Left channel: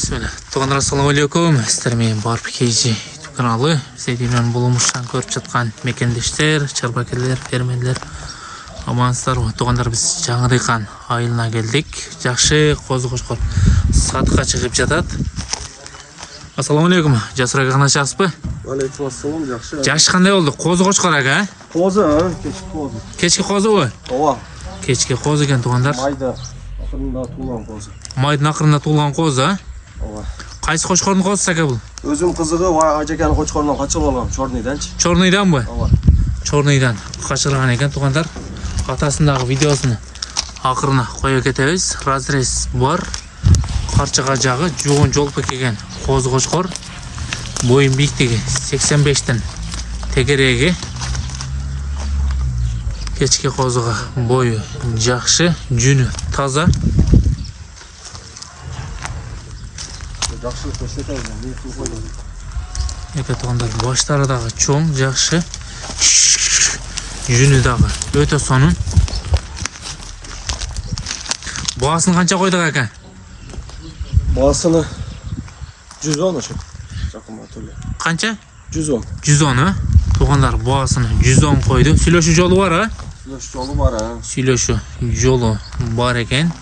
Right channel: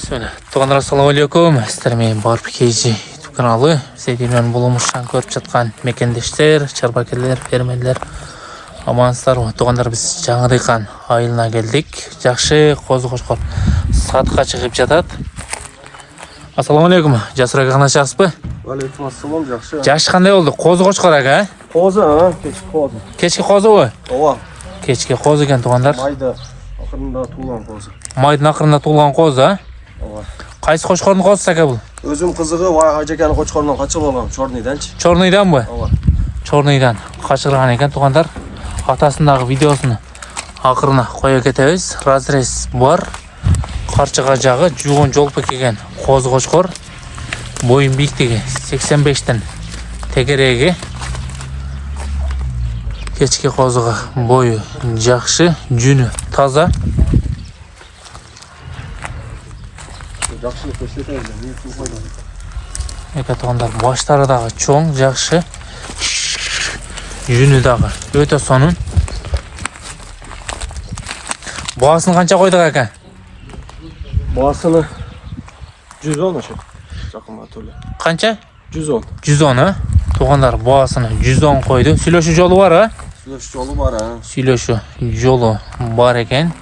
Bismillah. Туғандар, ассалаумалейкум. Сіздермен Барып Кейжи YouTube каналы. Біздермен болымышан көріп жатқан мекендештер, чарбакерлер, фермерлер. Амансыздар. Туғандар, біз жаңа дыйқан айылына келдік. Жақшы қозы-қошқар сатқа шығып жатады. Ассалаумалейкум. Жасыр аға қана жақсы ба? Алейкум ассалам, жақсы. Жақсы қандай болды? Қозы-қошқар аға? Қозы, кешкі қозы. Кешкі қозы ғой? Ова. Кешкі қозы екен туғандар. Майда ақырында туылған қозы. Майдың ақырында туылған қозы, а? Ова. Қайсы қошқардың қозысы аға бұл? Өзім қызығы ажекені қошқарынан қачып алған, Чорныйданшы. Чорныйдан ба? Ова. Чорныйдан қашырған екен туғандар. Атасындағы видеосын ақырына қоя кетеміз. Разрез бар. Қарчыға жағы жуған жолпы келген қозы қошқар. Бойын биіктігі 85-тен тегерегі. Кешкі қозыға бойы жақшы, жүні таза. Жақсы көрсетемін. Еке туғандар, баштары дағы чоң, жақшы. Жүні дағы өте сонын. Бағасын қанша қойдық әке? Бағасыны 110 ашы. Жақынға төлі. Қанша? 110. 110, а? Туғандар, бағасыны 110 қойды. Сүйлөші жолы бар, а? Сүйлөші жолы бар, а? Сүйлөші жолы бар екен.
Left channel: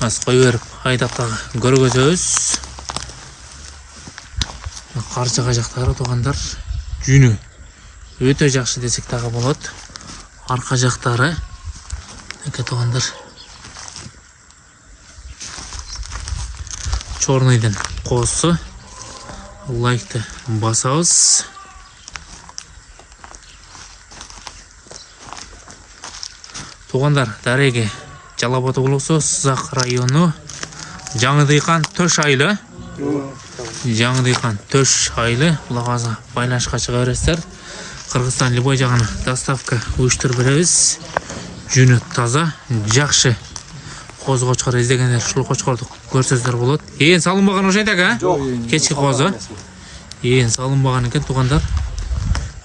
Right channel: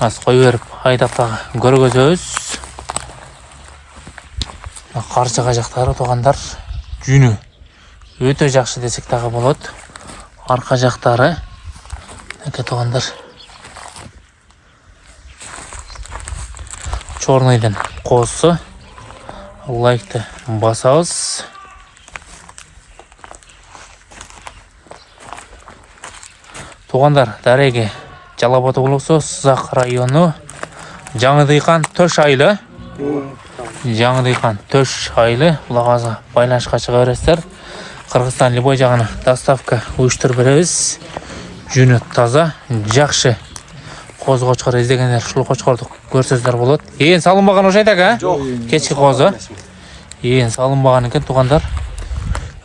Аз қой беріп, айдақтағы көргөзөз. Қарчыға жақтары туғандар, жүні өте жақшы десек тағы болады. Арқа жақтары еке туғандар. Чорныйдың қосы. Лайкты басауыз. Туғандар, дәреге Жалаботы болуқсы, Сызақ районы. Жаңы дыйқан төш айлы. Жаңы дыйқан төш айлы. Бұлағазға байланышқа шыға өрестер. Қырғызстан Любой жағына доставка өштір біріміз. Жүні таза, жақшы. Қозы қошқар іздегендер, шұлы қошқарды көрсөздер болады. Ең салынбаған ошайдақ, а? Кешкі қозы. Ең салынбаған екен туғандар.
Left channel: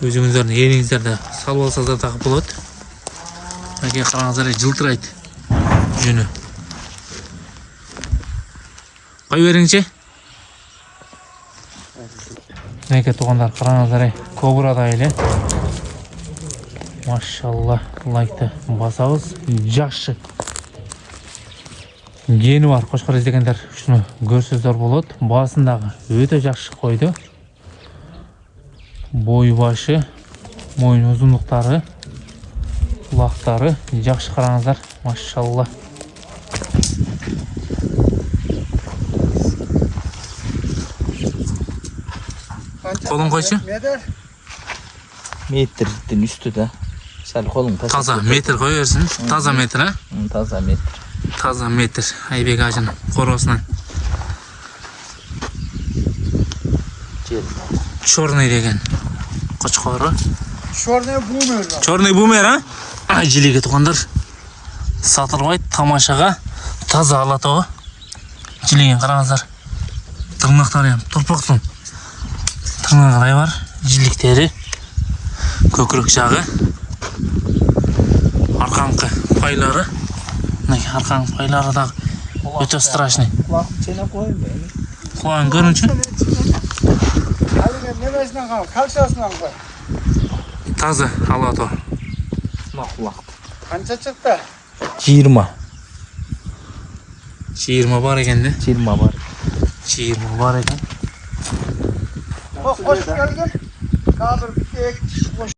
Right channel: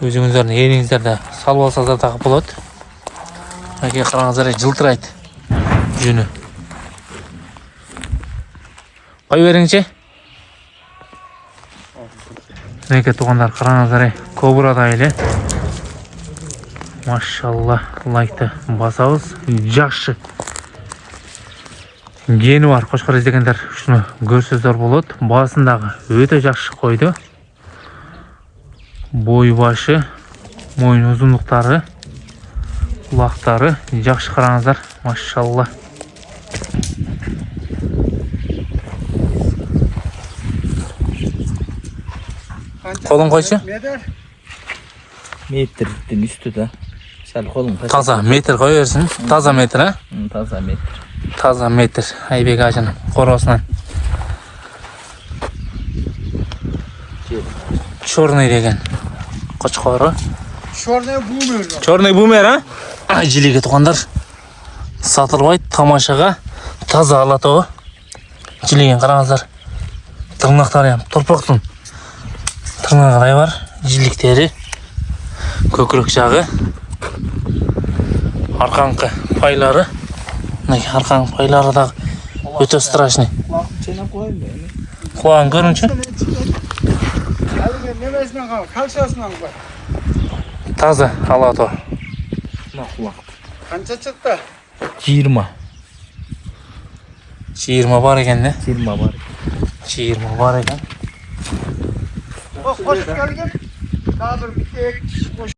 Өзіңіздердің еріңіздерді салып алсаздар тағы болады. Әке қараңыздар жылтырайды. Жүні. Қой беріңше? Әке туғандар қараңыздар кобрада айлы. Машалла, лайкты басауыз. Жақшы. Гені бар, қошқар іздегендер шыны көрсөздер болады. Басындағы өте жақшы қойды. Бой башы, мойын ұзындықтары, құлақтары жақшы қараңыздар. Машалла. Қолын қойшы? Metrдің үсті да. Сәл қолын қойшы. Таза метр қой өрсін. Таза метр, а? Таза метр. Таза метр. Айбек ажын қоросынан. Чорный деген қошқары. Чорный бумер, а? Жилеге туғандар. Сатылбайды тамашаға. Таза алатауы. Жилеген қараңыздар. Тырнақтары тұрпақтың. Тырнағылай бар. Жиліктері. Көкірек жағы. Арқаңқы пайлары. Арқаңқы пайлары да өте страшный. Құлағын көрінші. Таза алатауы. Қанша шықты? 20. 20 бар екен де. 20 бар. 20 бар екен. Hoş geldin. Kaldır bir tek.